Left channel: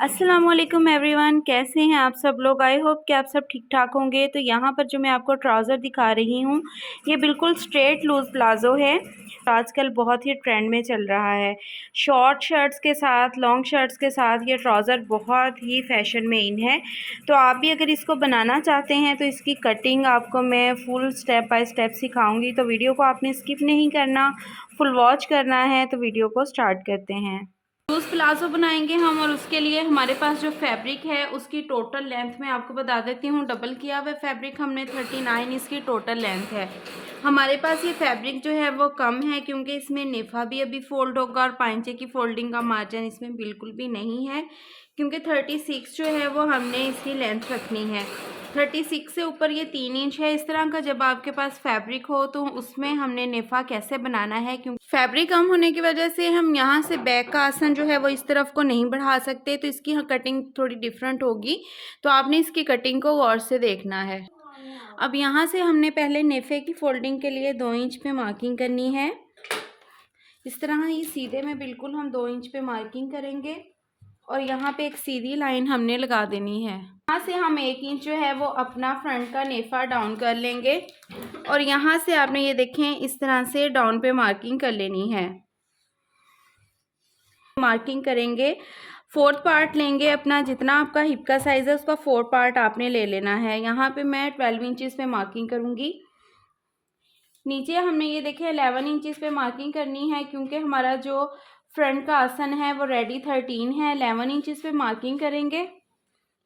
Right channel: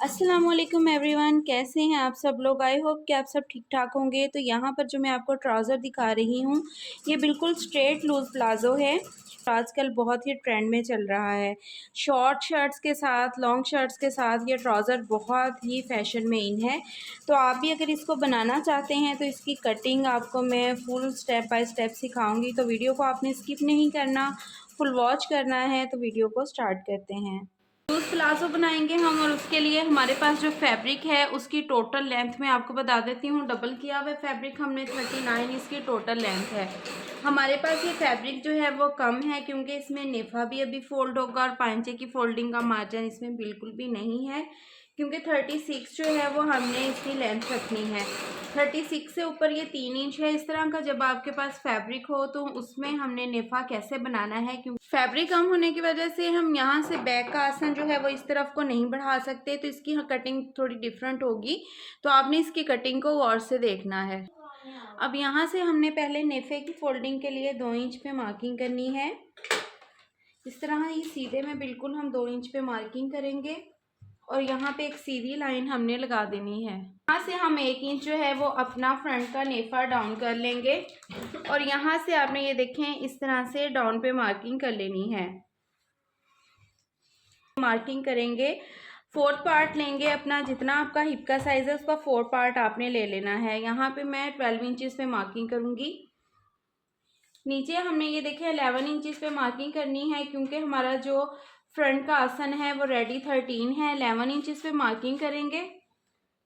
अस्सलामुअलैकुम एवरीवन, कैसे हैं आप सब लोग। आई होप कि आप सब ठीक ठाक होंगे। तो यहाँ पर जो मैं आपको ट्राउज़र दिखा रही हूँ ये बिल्कुल स्ट्रेट लूज़ प्लाज़ो है। आजकल बहुत ही ट्रेंड में चल रहा है। शॉर्ट शर्ट्स के साथ, लॉन्ग शर्ट्स के साथ ये ट्राउज़र बहुत ही फैशन में इन है। तो आप भी अगर इसको बनाना चाहते हैं तो इसकी कटिंग आपको मैं फुल स्टेप बाय स्टेप सिखाऊँगी। तो वीडियो को आपने स्किप नहीं करना, फुल वॉच करना है। तो वीडियो को स्टार्ट करते हैं। लूज़ प्लाज़ो बनाएंगे हम, और उसके लिए हमारे पास जो फैब्रिक है उसकी टोटल लेंथ मैं आपको बता देती हूँ। डबल किया हुआ फैब्रिक हमने 39 इसकी टोटल लेंथ है। हमारे पास ये फैब्रिक जो है वो कम है क्योंकि इसमें नेफा भी अभी फोल्ड होगा और पांचे की फोल्डिंग का मार्जिन इसमें बिल्कुल भी नहीं है, क्योंकि 36 जो है वो हमने इसकी लेंथ रखनी है। 36 से ऊपर ये 3 इंच है। इस तरह का जब आपके पास फैब्रिक हो तो उसमें हमने नेफा कैसे बनाना है, क्योंकि फैब्रिक कम होने की वजह से हम यहाँ से बैक का आसन जो है वो इस तरफ को नहीं बढ़ा सकते, तो इसकी कटिंग थोड़ी डिफरेंट होगी। तो आपने इसकी कटिंग को गौर से देखना है। अब यहाँ से हमने पहले नेफे की फोल्डिंग के लिए 2 इंच पे मार्किंग करनी है। इस तरह ही सीधे में बिल्कुल हम 2 इंच पे मार्किंग करेंगे और यहाँ पे एक सीधी लाइन हमने लगा देनी है। यहाँ से हम 1 इंच जो है वो अपना फ्रंट का नेफा डाउन कर लेंगे और यहाँ से आपने ये देखें इस तरह से डाउन पे मार्किंग कर लेनी है। मार्किंग करेंगे, 4th पार्ट लेंगे अपना, जितना आपका हिप का साइज है उसका 4 पार्ट आपने ले लेना है। यहाँ पे मैं 12 इंचेस पे मार्किंग करूँगी। नीचे हमने ये देखे 11 इंचेस पे मार्किंग करनी है, क्योंकि हमारा जो फ्रंट का आसन है वो रेडी 13 है। 11 इंचेस पे मार्किंग करेंगे।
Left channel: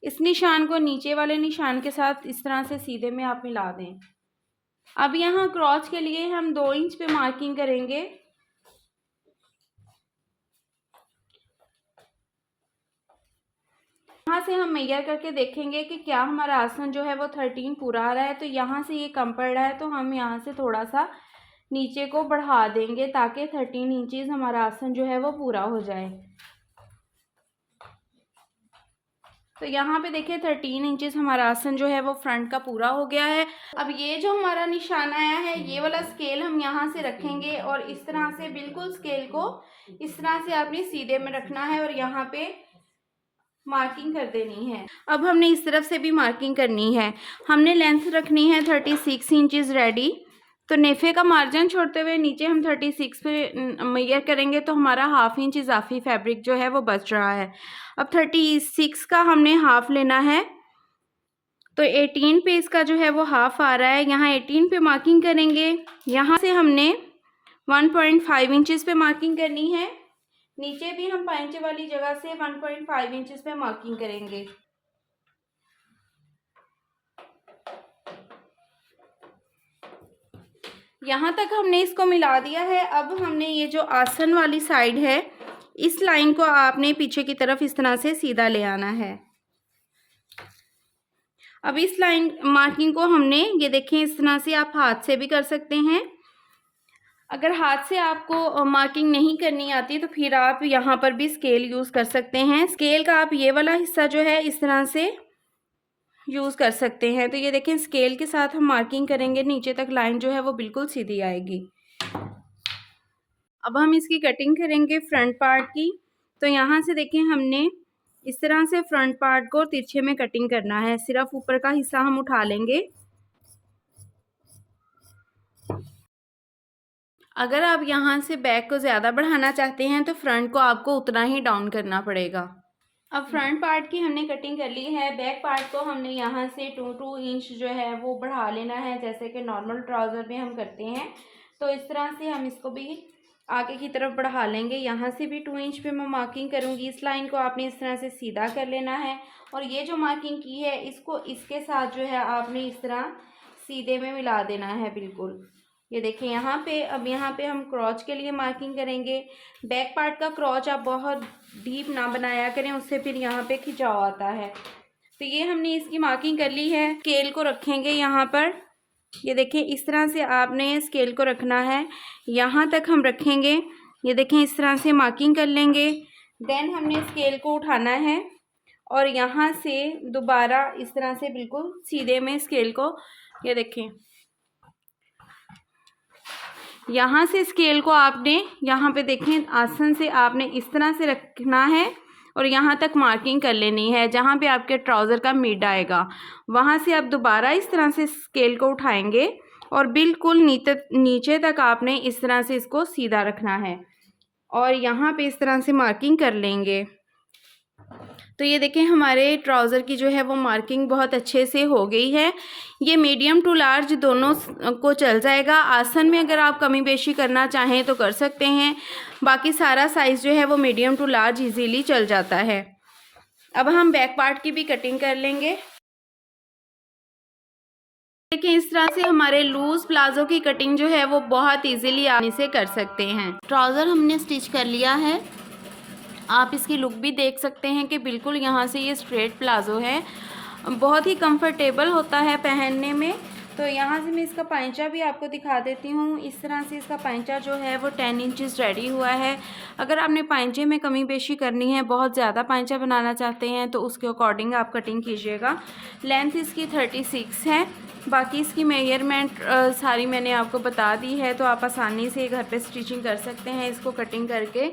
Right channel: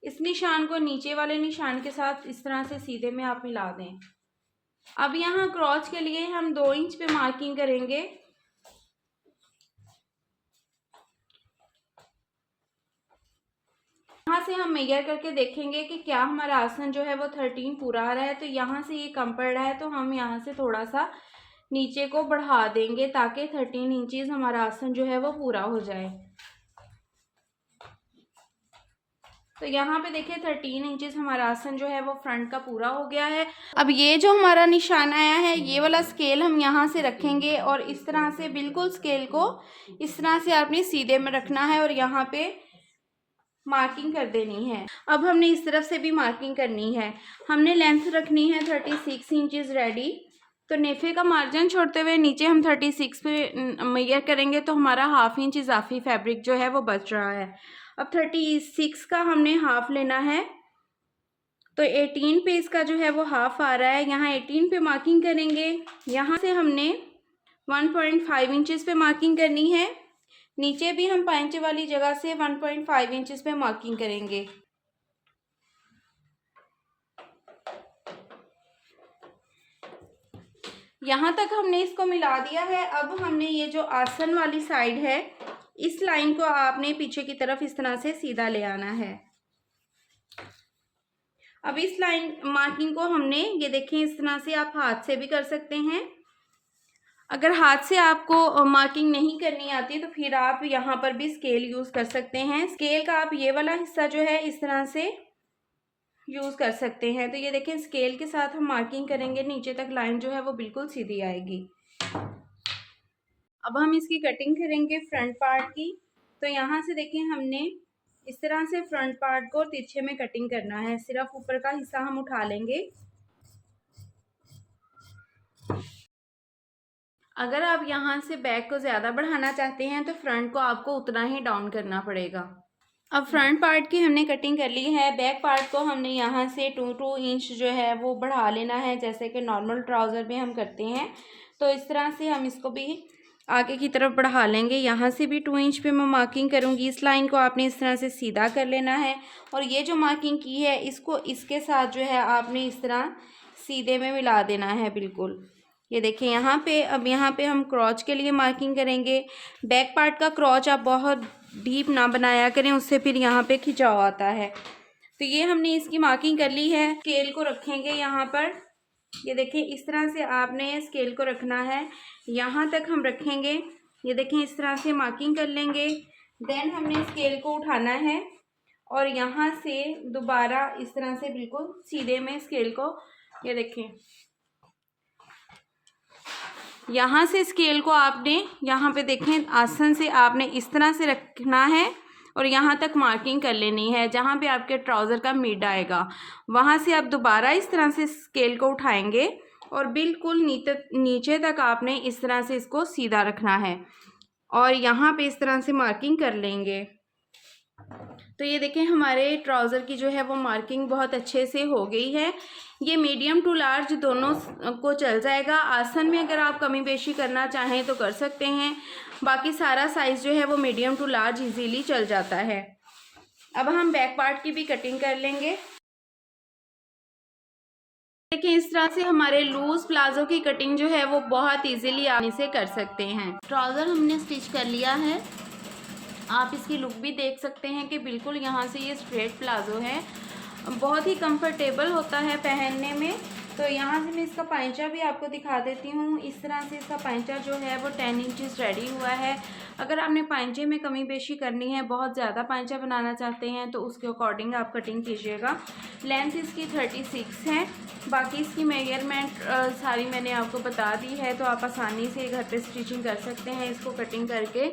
इस निशान को नीचे वाले निशान के साथ इस तरह से सीधे में आप मिला दें। अब यहाँ क्रॉच के लिए हम 2 इंच पे मार्किंग करेंगे। यहाँ से हम मेजर करके देखेंगे कि क्या हमारा आसन जो है वो 13 पूरा आ रहा है। तो यहाँ से ये कम पड़ रहा है तो हम यहाँ से थोड़ा सा नीचे को बढ़ा देंगे ताकि 13 इंचेस हमारा आसन जो है वो पूरा हो जाए। तो यहाँ पे देखिए 13 इंचेस हमारा आसन जो है वो फ्रंट का पूरा हो गया है। अब ये जो हमारा निशान आया है ये वाला स्केल हम यहाँ से रखेंगे और इस तरह से बिल्कुल स्केल को इस तरह से आपने सीधे में रखना है और यहाँ पे मार्किंग कर देनी है। अब हमने इस तरफ से भी मार्किंग करनी है। हमने लेंथ रखनी है 36 इंचेस रेडी। तो नेफे का मार्जिन छोड़ते हुए नीचे हम 36 पे मेजर करेंगे तो हमारा ½ इंच इजाफी फैब्रिक जो है वो बच रहा है। अब 36 का हमने हाफ लेना है, तो 18 पे इसका जो है वो हाफ आ रहा है। यहाँ 18 पे मार्किंग करेंगे। यहाँ से हमने 1.5 इंचेस पे मार्किंग करनी है। नीचे भी हम पांचे वाली जगह से 1.5 इंचेस पे मार्किंग करेंगे। यहाँ तक हमने इसको मिला दिया है। अब हमने ये जो आसन वाली साइड है इस लाइन को आपने पीछे की तरफ इस तरह से सीधा ले आना है। अब इस लाइन मार्किंग को हमने ये देखें इस तरह से, आप हाथ से भी कर सकते हैं। अगर हाथ से आपको मार्किंग नहीं करनी आती तो फिर आप यहाँ पर भी स्केल यूज़ कर सकते हैं। स्केल का आप ये वाला हिस्सा जो है इस तरह से यूज़ कर सकते हैं। तो ये देखें स्केल के साथ हम मार्किंग करेंगे, नीचे तक लाइन जो है वो बिल्कुल सीधी आएगी। अब हम इसकी कटिंग करेंगे फ्रंट पार्ट की। तो यहाँ से देखें हमने इस तरह से फ्रंट पार्ट को तिरछे में कटिंग करना है। सिर्फ ऊपर का हिस्सा हम उठा लेंगे। अगर आप यहाँ से बैक को ज़्यादा बढ़ाना चाहते हैं तो फ्रंट को आपको उतना ही डाउन करना पड़ेगा। अब फ्रंट पार्ट की हमने कटिंग कर ली है। बैक पार्ट को हमने यहाँ से 2 इंच जो है वो बढ़ा लेना है, जैसे कि नॉर्मल ट्राउज़र में हम करते हैं। तो इस तरह से हम इसको भी आगे की तरफ बढ़ा लेंगे। यहाँ से भी 2 इंच पे मैं मार्किंग करूँगी। इस लाइन को आपने इस तरह से सीधा कर लेना है और ये जो मार्किंग की है इसको इसके साथ जो है आपने इस तरह सीधे में मिला देना है बिल्कुल। ये देखिए यहाँ पे, अब यहाँ पे हम क्रॉच के लिए मार्किंग करेंगे। बैक पार्ट का क्रॉच आप बहुत डीप ना बनाया करें, उससे फिर यहाँ पे खिंचाव आता है। तो ये हमने इसकी मार्किंग कर ली है। स्केल को रखेंगे यहाँ पर, ये देखें इस तरह से आपने स्केल को रखना है। यहाँ तक हम रखेंगे। ये देखें इस तरह से मार्किंग कर लेंगे। देन हमने स्केल को उठाना है और यहाँ से दोबारा इस तरह से बिल्कुल सीधे में स्केल को, ये देखें यहाँ से स्केल को आपने यहाँ पे देखें आसन से आपने इस तरह से रखना है और यहाँ तक मार्किंग कर लेनी है। जहाँ पे आपके ट्राउज़र का मिड आएगा वहाँ से आप दोबारा इस तरह से स्केल को उठाएंगे और बिल्कुल नीचे तक आपने इस तरह से इसको सीधा रखना है और यहाँ पे इस तरह से मार्किंग कर लेंगे। तो ये देखें हमारे ट्राउज़र की जो है वो मार्किंग बहुत अच्छे से हो गई है। ये मीडियम टू लार्ज दोनों को चल जाएगा। आसन में अगर आप कमी बेशी करना चाहें तो कर सकते हैं, बाकी सारा साइज़ जो है वो मीडियम टू लार्ज इजीली चल जाता है। अब हम बैक पार्ट की भी कटिंग कर लेंगे। देखिए इस तरह से हमारे लूज़ प्लाजो की कटिंग जो है वो बहुत इजीली आसानी से कर सकते हैं। ट्राउज़र हमने स्टिच कर लिया है। आप इसकी लुक भी देख सकते हैं कि बिल्कुल यहाँ से ये स्ट्रेट प्लाजो है, बहुत ही कंफर्टेबल होता है पहनने में। तो यहाँ से मैं इसका पाइंचा भी आपको दिखा देती हूँ। इस तरह से इसका पाइंचा जो है वो 10 इंचज़ रेडी हुआ है। अगर आपने पाइंचे में कमी बेशी करनी है, बहुत ज़्यादा पाइंचा बनाना चाहते हैं तो उसके अकॉर्डिंग आप कटिंग कीजिएगा। लेंथ इसकी 36 है। बाकी इसकी मेजरमेंट सारी मैंने आपको बता दी है, तो आप आसानी से घर पे स्टिचिंग कर सकते हैं इसको कटिंग करके,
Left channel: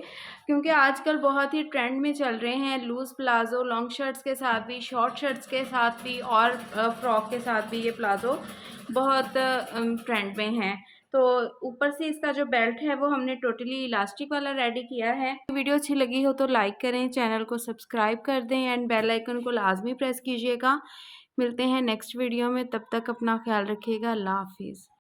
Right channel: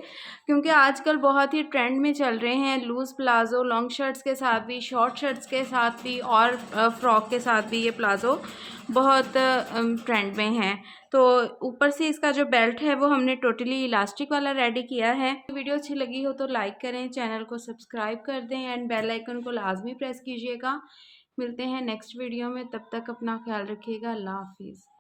क्योंकि आजकल बहुत ही ट्रेंड में चल रहे हैं लूज़ प्लाज़ो। लॉन्ग शर्ट्स के साथ भी, शॉर्ट शर्ट्स के साथ भी और फ्रॉक के साथ भी ये प्लाज़ो बहुत ट्रेंड में है। तो ऊपर से इसका जो बेल्ट है वो हमने टोटली इलास्टिक वाला रेडी किया है। वीडियो अच्छी लगी हो तो लाइक करें, चैनल को सब्सक्राइब कर दें एंड बेल आइकन को लाजमी प्रेस कीजिएगा। मिलते हैं नेक्स्ट वीडियो में, तब तक अपना ख्याल रखिएगा। अल्लाह हाफिज़।